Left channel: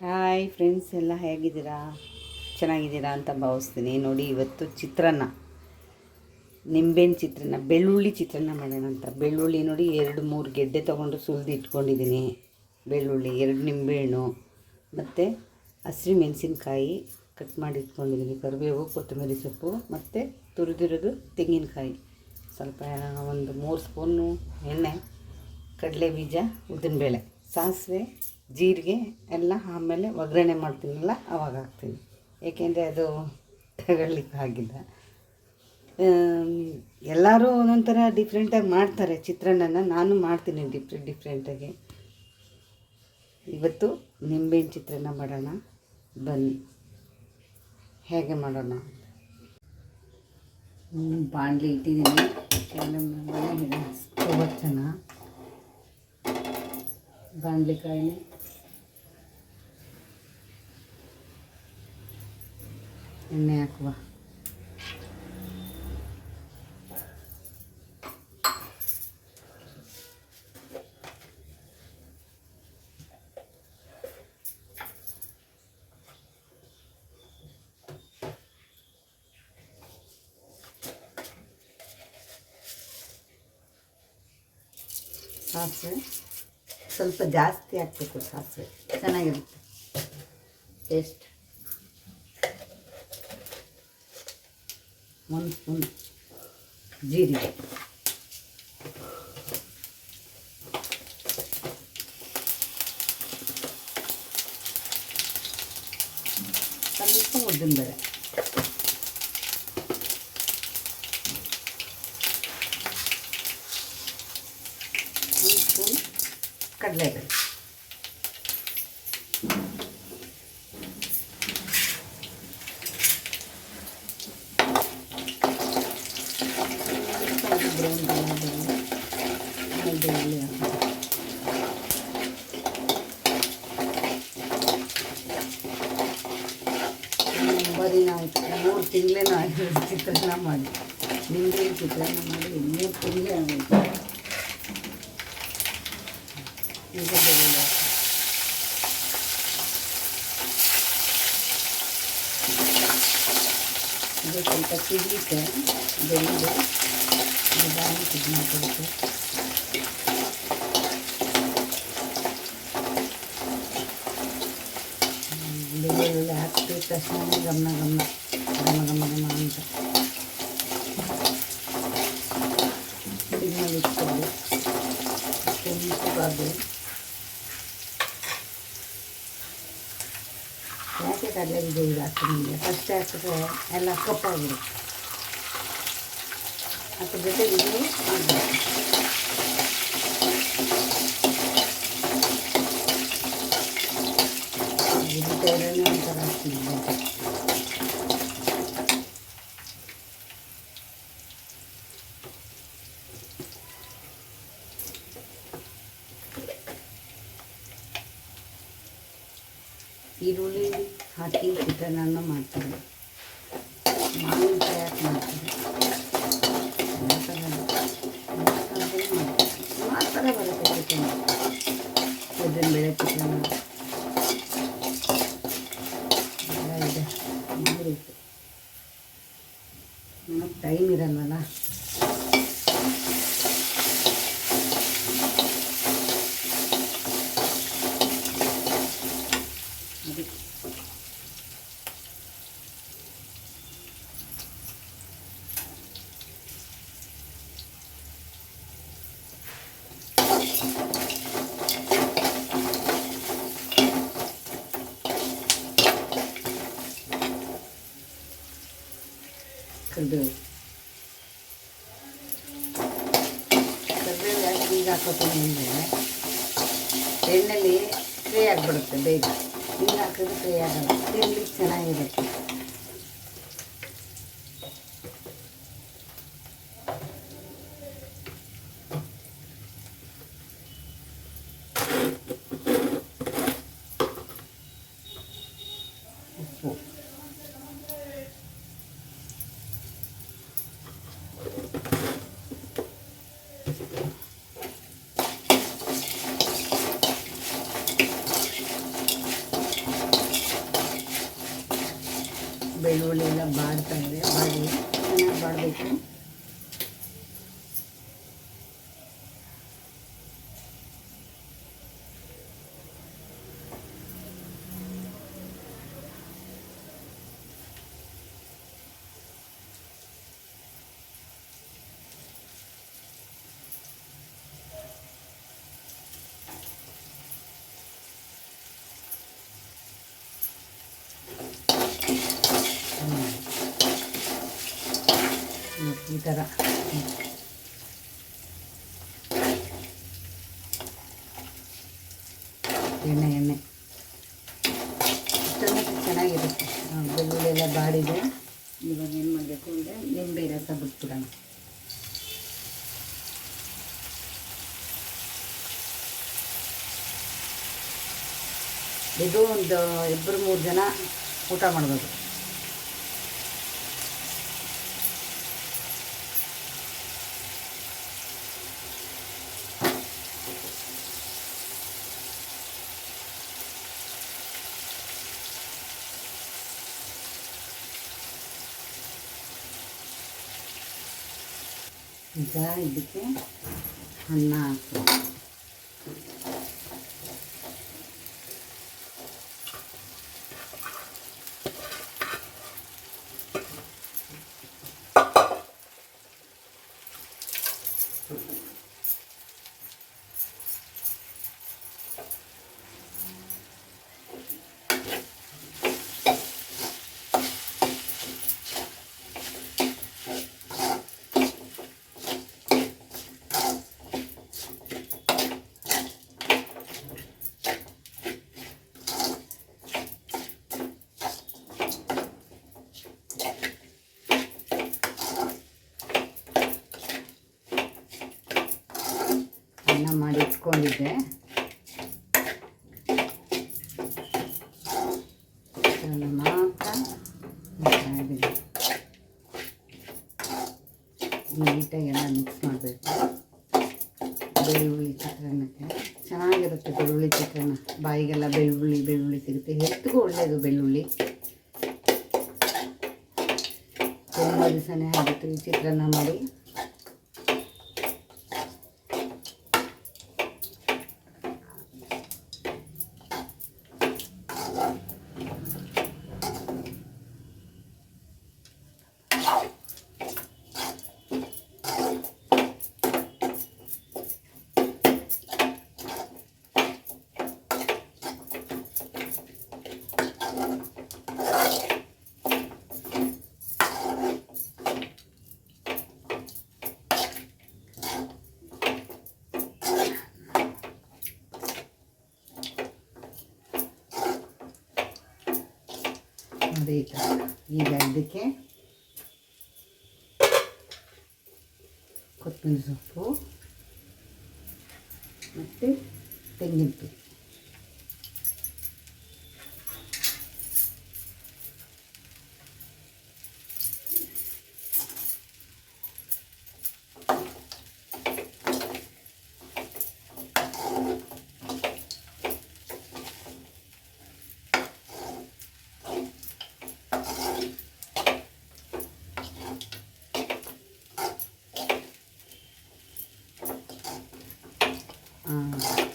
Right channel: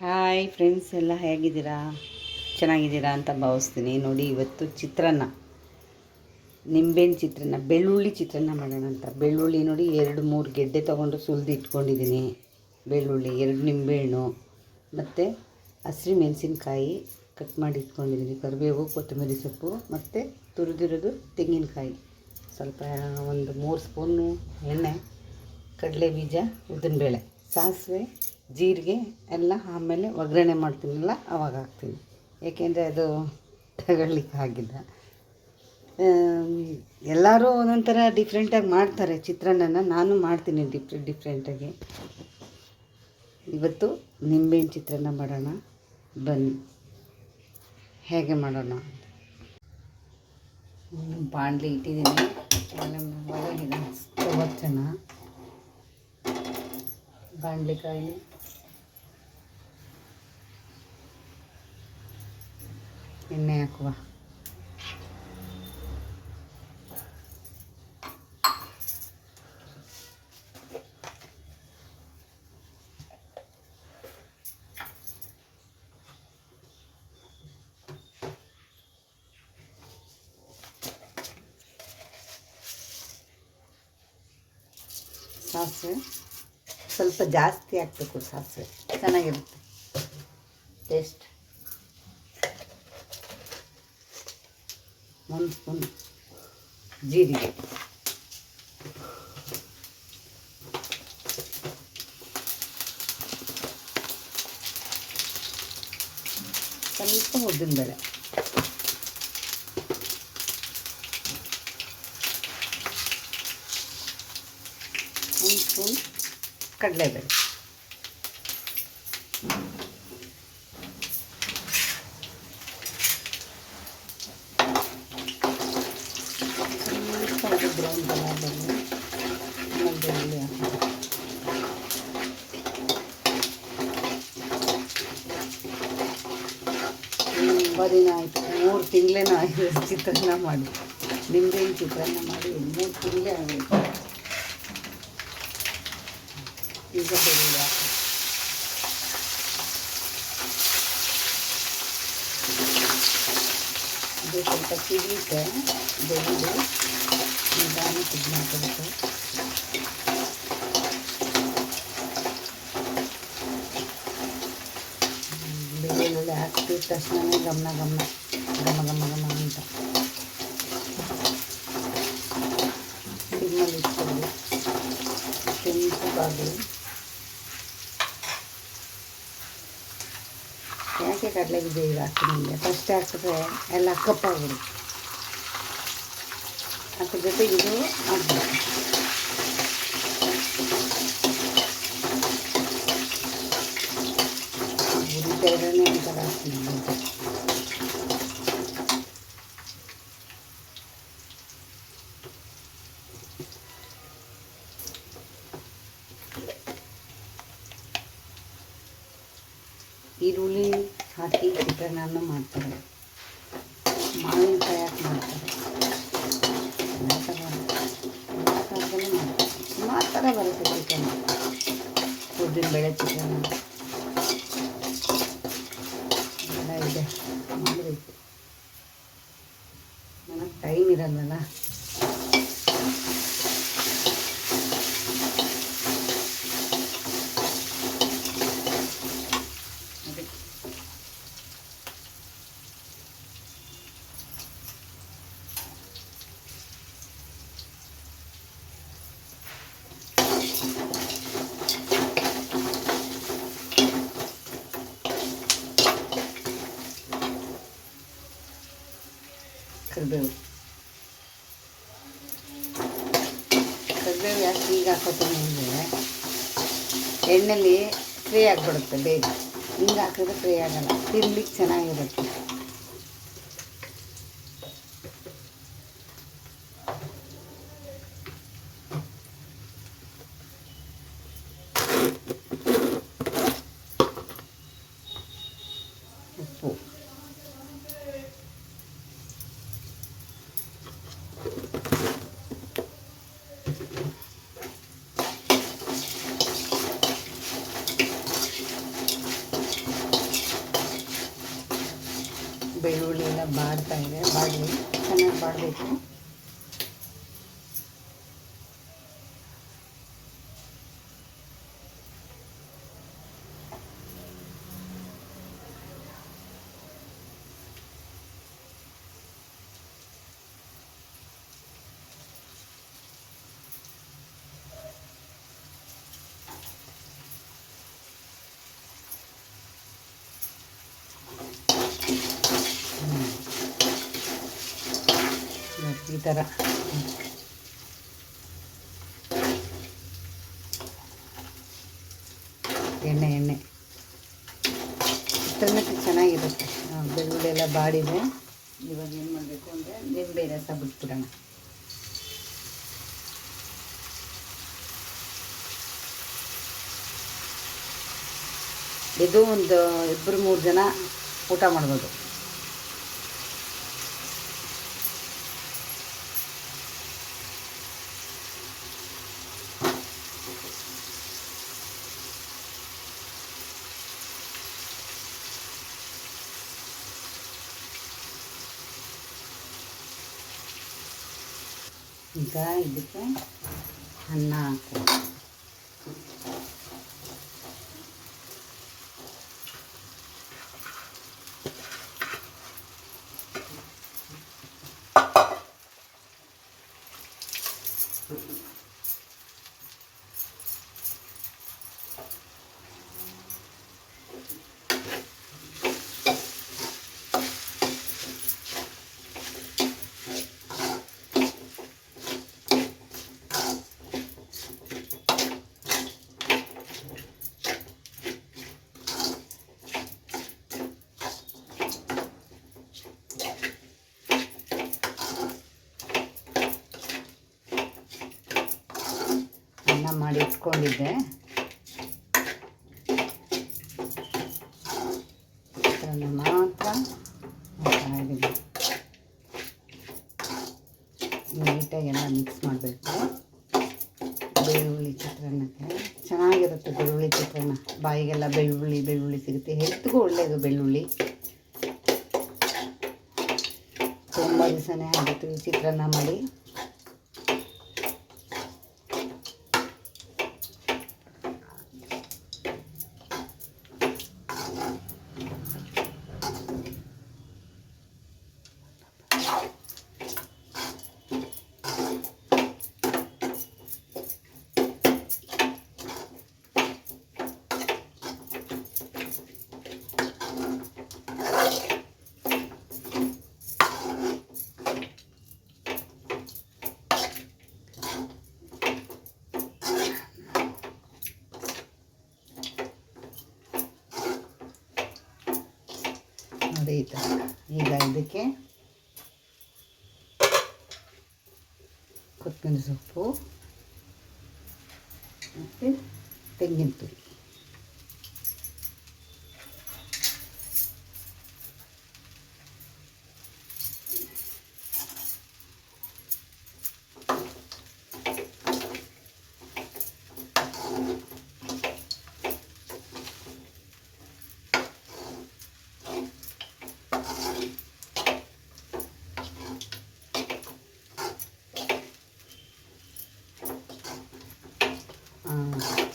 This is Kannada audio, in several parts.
ಹಾಯ್ ಫ್ರೆಂಡ್ಸ್, ಎಲ್ಲ ಹೇಗಿದ್ದೀರಾ? ಚೆನ್ನಾಗಿದ್ದೀರಾ ಅಂತ ಭಾವಿಸ್ತೀನಿ. ನೋಡಿ, ಇವತ್ತು ಚಿತ್ರಾನ್ನ, ನಿಂಬೆಹಣ್ಣು ಚಿತ್ರಾನ್ನ, ಬೆಳ್ಳುಳ್ಳಿ ಚಿತ್ರಾನ್ನ ಮಾಡೋಣ ಅಂತ. ಬೆಳ್ಳುಳ್ಳಿ ನೋಡಿ 2-3 ಗೆಡ್ಡೆ ತೊಗೊಂಡು ಸುಲಿದು ಇಟ್ಕೊಂಡಿದ್ದೀನಿ. ಬೆಳ್ಳುಳ್ಳಿ, 2 ನಿಂಬೆಹಣ್ಣು ಮತ್ತು ಹಸಿರು ಮೆಣಸಿನ್ಕಾಯಿ ಕಟ್ ಮಾಡಿ ಇಟ್ಕೊಂಡಿದ್ದೀನಿ. ಕರಿಬೇವು, ಕೊತ್ತಂಬರಿ ಸೊಪ್ಪು ಮತ್ತು ತುರಿದಿರೋದು ತೆಂಗಿನಕಾಯಿ, ಸ್ವಲ್ಪ ಒಂದು 3 ಸ್ಪೂನು ಎಣ್ಣೆ, ಕಡಲೆ ಬೀಜ, ಉದ್ದಿನಬೇಳೆ, ಸಾಸಿವೆ, ಜೀರಿಗೆ ಎಲ್ಲ ಆಮೇಲೆ ಒಗ್ಗರಣೆ ಮಾಡ್ತೀನಲ್ಲ ಅವಾಗ ಹಾಕ್ತೀನಿ. ಏಕೆಂದರೆ ಅದು ತಗೊಳ್ಳಿಕ್ಕಾಗಿಲ್ಲ. ಎಲ್ಲರೂ ಒಂದೊಂಥರ ಡಿಫ್ರೆಂಟಾಗಿ ಮಾಡ್ತಾರೆ ಚಿತ್ರಾನ್ನನ. ನಾನು ಮಾಡ್ತೀನಿ ಡಿಫ್ರೆಂಟಾಗಿ. ಇವತ್ತು ನಿಂಬೆಹಣ್ಣು ಚಿತ್ರಾನ್ನ ಮಾಡೋಣ, ಬನ್ನಿ ಹೇಗೆ ಮಾಡೋಣ. ಬಾಣಲಿ ಇಟ್ಟಿದ್ದೀನಿ, ಸ್ಟವ್ ಹಚ್ಚೋಣ. ಬಾಣಲಿಕಾಯಿ, ಎಣ್ಣೆ ಹಾಕುವ. ಸಾಸಿವೆ ಸ್ವಲ್ಪ ಜಾಸ್ತಿ ಹಾಕಬೇಕು, ಸಾಸಿವೆ ಚೆನ್ನಾಗಿರುತ್ತೆ ಟೇಸ್ಟ್. 1 ಸ್ಪೂನ್ ಜೀರಿಗೆ, ಸ್ವಲ್ಪ ಉದ್ದಿನಬೇಳೆ, ಕಡಲೆಬೇಳೆ, ಬರೀ ಆಯಿತು 3 ತಿಂಗಳೇನೋ ಆಗಿದೆ ಚಿತ್ರಾನ್ನ ಮಾಡಿ. ನಿಂಬೆಹಣ್ಣು ಚಿತ್ರಾನ್ನ ಮಾಡಿ 3 ತಿಂಗಳೇ ಆಗುತ್ತೆ. ಈಗ ಬೆಳ್ಳುಳ್ಳಿ ಹಾಕಿ, ಇದು ಸ್ವಲ್ಪ ಕುದಿಯುತ್ತೆ. ಬೆಳ್ಳುಳ್ಳಿ ನಿಧಾನ ಕುದಿಯುತ್ತೆ. ಬೆಳ್ಳುಳ್ಳಿ ಹಾಕಿದ ತಕ್ಷಣ ಗಮನ ಗಮನ ಗಮ ಗಮ ಗಮ ಅಂತ ಸಿಗ್ನಲ್ ಇಟ್ಕೊಳ್ಳಿ. ಕೆಂಪಗಾಗಲಿ. ಯಾಕೆ ಕಡಲೆ ಬೀಜ ಇದು ಹಾಕ್ತೀನಿ, ಫಸ್ಟ್ ಹಾಕಿದ್ರೆ ಎಲ್ಲ ಕಪ್ಪಾಗಿರುತ್ತೆ. ಅದ್ರ ಜೊತೆ ಇದು ಮಾಡಬೇಕು. ಒಂಥರ ಹಾಕ್ತೀನಿ. ಈರುಳ್ಳಿ ಹಾಕಿ ಚಿತ್ರಾನ್ನ ಮಾಡ್ತಾರೆ, ಮಾವಿನಕಾಯಿ ಹಾಕಿ ಮಾಡ್ತಾರೆ, ಸುಮಾರು ಥರ ಬರುತ್ತೆ ಚಿತ್ರಾನ್ನ. ಉದ್ದಿನಬೇಳೆ ಚಿತ್ರಾನ್ನ ಎಲ್ಲ ಇದೆ, ಮಾಡಬೇಕು. ನನಗೆ ಟೈಮ್ ಇರಲ್ಲಲ್ಲ. ಕರಿಬೇವು ಯಾಕೆ ಈಗ ಹಾಕೋತೀನಿ ಅಂದರೆ ಎಣ್ಣೆಲಿ ಫ್ರೈ ಆಗಿಬಿಡುತ್ತೆ ಬೇಗ. ಹಿಂಗೆ ಹಾಕಿದ್ರೆ ಫ್ರೈ ಆಗಲ್ಲ, ತಿನ್ಲಿಕ್ಕೆ ಚೆನ್ನಾಗಿರುತ್ತೆ. ಉಪ್ಪು, ಬೆಳ್ಳುಳ್ಳಿ ಎಲ್ಲ ಬಾಡ್ತಾ ಇದೆ, ಬಾಡಲಿ ಚೆನ್ನಾಗಿ ಬಾಡಬೇಕು. ಈ ಥರ ಎಣ್ಣೆ ಇಷ್ಟೊಂದು ಚೆನ್ನಾಗಿರುತ್ತೆ. ಬೆಳ್ಳುಳ್ಳಿ ಎಲ್ಲ ಬಾಡಿದೆ. ಇವಾಗ ಏನು ಮಾಡಬೇಕು ಅಂದರೆ ನಿಂಬೆ ರಸ ಬಿಟ್ಬಿಡೋಣ. ಇದು ಒಂದು 2-3 ಜನ ಊಟ ಮಾಡ್ಬೋದು. ಈಗ ಇದಕ್ಕೆ ಅನ್ನ ಹಾಕಿ ಅನ್ನ ಮಾಡಿ ಇಟ್ಕೊಂಡಿದ್ದೆ. ಮಾತ್ರ ಚೆನ್ನಾಗಿದೆ. ನೀಟಾಗಿ ಎಲ್ಲ ಮಿಕ್ಸ್ ಮಾಡಬೇಕು. ಬೆಳ್ಳುಳ್ಳಿ ಚಿತ್ರಾನ್ನಕ್ಕೆ ಚೆನ್ನಾಗಿರುತ್ತೆ. ಬೆಳ್ಳುಳ್ಳಿ ಚಿತ್ರಾನ್ನ ಬಾಯಿಗೆಲ್ಲ ಬೆಳ್ಳುಳ್ಳಿ ಸಿಗುತ್ತೆ. ಹೆಲ್ತ್ಗೂ ಒಳ್ಳೆಯದು ಬೆಳ್ಳುಳ್ಳಿ. ತುಂಬ ದಿವಸನೇ ಆಗುತ್ತೆ ಈ ಚಿತ್ರಾನ್ನ ಮಾಡಿ. ಅದೇ ಈ ಥರ. ಈಗ ಇದಕ್ಕೆ ಕೊತ್ತಂಬರಿ ಸೊಪ್ಪು ಮತ್ತು ತೆಂಗಿನ ತುರಿ,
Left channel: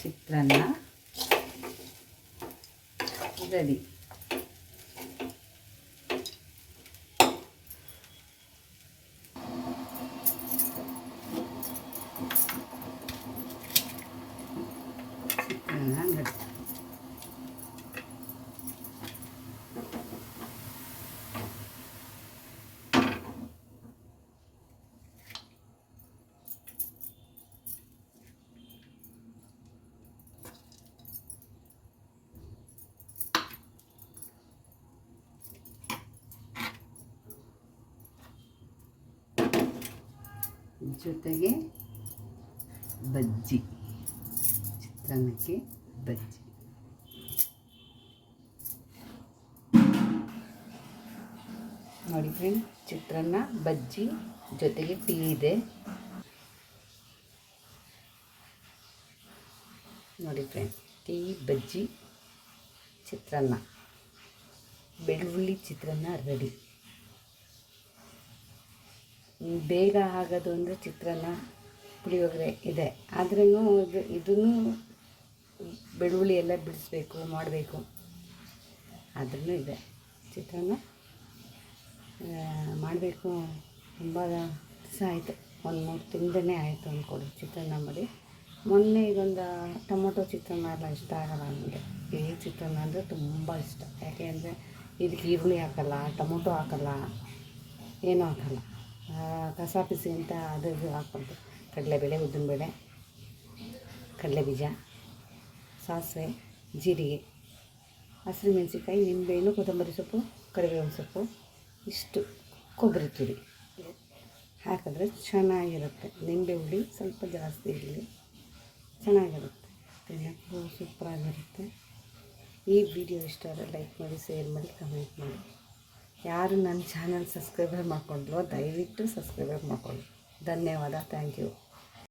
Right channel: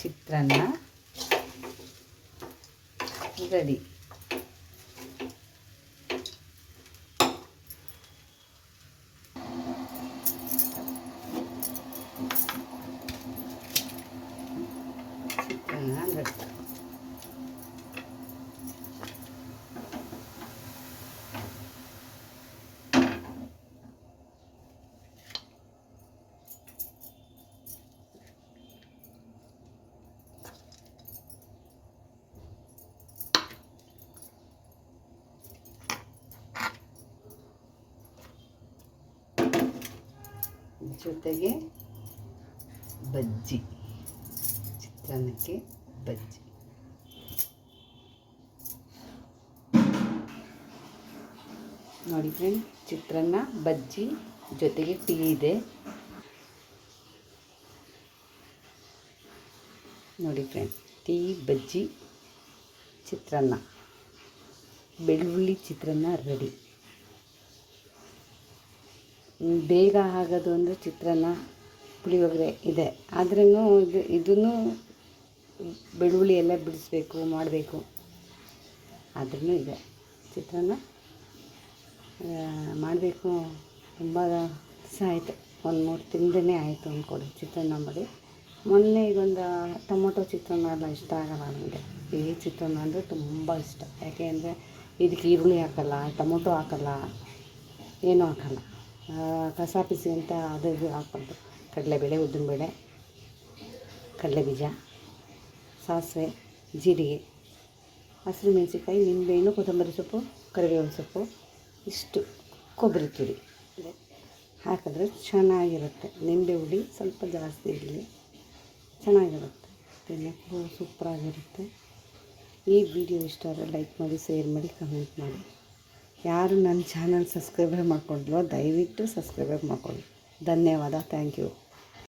ಚಿತ್ರಾನ್ನ ರೆಡಿ. ಜೊತೆಗೆ ಬಜ್ಜಿ, ಚಿತ್ರಾನ್ನಕ್ಕೆ ಬಜ್ಜಿ. ನೋಡಿ ಫ್ರೆಂಡ್, ಚಿತ್ರಾನ್ನ ಬಜ್ಜಿ ಜೊತೆಗೆ ಟೀ ಇದೆ. ನೋಡಿ ಫ್ರೆಂಡ್, ಟೀ ಬಜ್ಜಿ ಚಿತ್ರಾನ್ನ ಬೆಳ್ಳುಳ್ಳಿ ಚಿತ್ರಾನ್ನ ರೆಡಿ. ಬೇಗ ಆಗೋದು ಅಂದರೆ ಚಿತ್ರಾನ್ನ, ಪುಳಿಯೋಗರೆ ಇದೆ. ಆದ್ರೂ ಇದನ್ನು ಬೆಳ್ಳುಳ್ಳಿ ಎಲ್ಲ ಬಿಡಿಸ್ಬೇಕು, ಮಾಡಬೇಕು. ಆದ್ರೂ ಇದೆ ಚಿತ್ರಾನ್ನ ಮಾಡಬೇಕು. ತುಂಬ ದಿವಸ ಆಯಿತು, ಒಂದು 3 ತಿಂಗಳೇ ಆಯಿತು ಅಂದ್ಕೊಳ್ಳಿ ಚಿತ್ರಾನ್ನ ಮಾಡಿ. ಮೊನ್ನೆ ಇದೊಂದು ಟೊಮೊಟೊ ಚಿತ್ರಾನ್ನ ಎಲ್ಲ ಇಷ್ಟ ಆಗೋಲ್ಲ ನನಗೆ. ಈ ಚಿತ್ರಾನ್ನ ಅಂದರೆ ತುಂಬ ಇಷ್ಟ. ಯಾಕೆ ಅಂದರೆ ಇದಕ್ಕೆ ಈರುಳ್ಳಿ ಹಾಕಲ್ಲ, ಟೊಮೊಟೊ ಹಾಕಲ್ಲ, ಏನೂ ಹಾಕಲ್ಲ. ಕಸಾಪಿಸಿ ಅಂತ ಅದು ಹಾಕ್ಬಾರ್ದು. ಕಡಲೆಬೇಳೆ, ಉದ್ದಿನಬೇಳೆ, ಕಡಲೆಬೀಜ, ಸಾಸಿವೆ, ಜೀರಿಗೆ, ಹಸಿರು ಮೆಣಸಿನ್ಕಾಯಿ, ನಿಂಬೆಹಣ್ಣು, ಕೊತ್ತಂಬರಿ ಸೊಪ್ಪು, ಕರಿಬೇವಿನ ಸೊಪ್ಪು, ಇಷ್ಟು ಕೊಬ್ಬರಿ ತುರಿ ಹಾಕಿದ್ರೆ ಚೆನ್ನಾಗಿರುತ್ತೆ. ನಿಂಬೆ ಹುಳಿ ಸ್ವಲ್ಪ ಜಾಸ್ತಿ ಇರಲಿ, ಚೆನ್ನಾಗಿರುತ್ತೆ. ತಿನ್ನೋಕ್ಕೂ ಸೂಪರಾಗಿರುತ್ತೆ. ಈ ವಿಡಿಯೋ ಇಷ್ಟ ಆದರೆ ಲೈಕ್ ಮಾಡಿ, ಶೇರ್ ಮಾಡಿ, ಕಮೆಂಟ್ ಮಾಡಿ. ಯಾರು ನನ್ನ ಚಾನಲ್ ಸಬ್ಸ್ಕ್ರೈಬರ್ ಮಾಡ್ಕೊಂಡಿಲ್ವೋ ದಯವಿಟ್ಟು ಸಬ್ಸ್ಕ್ರೈಬರ್ ಮಾಡ್ಕೊಳ್ಳಿ. ಧನ್ಯವಾದ. Thank you.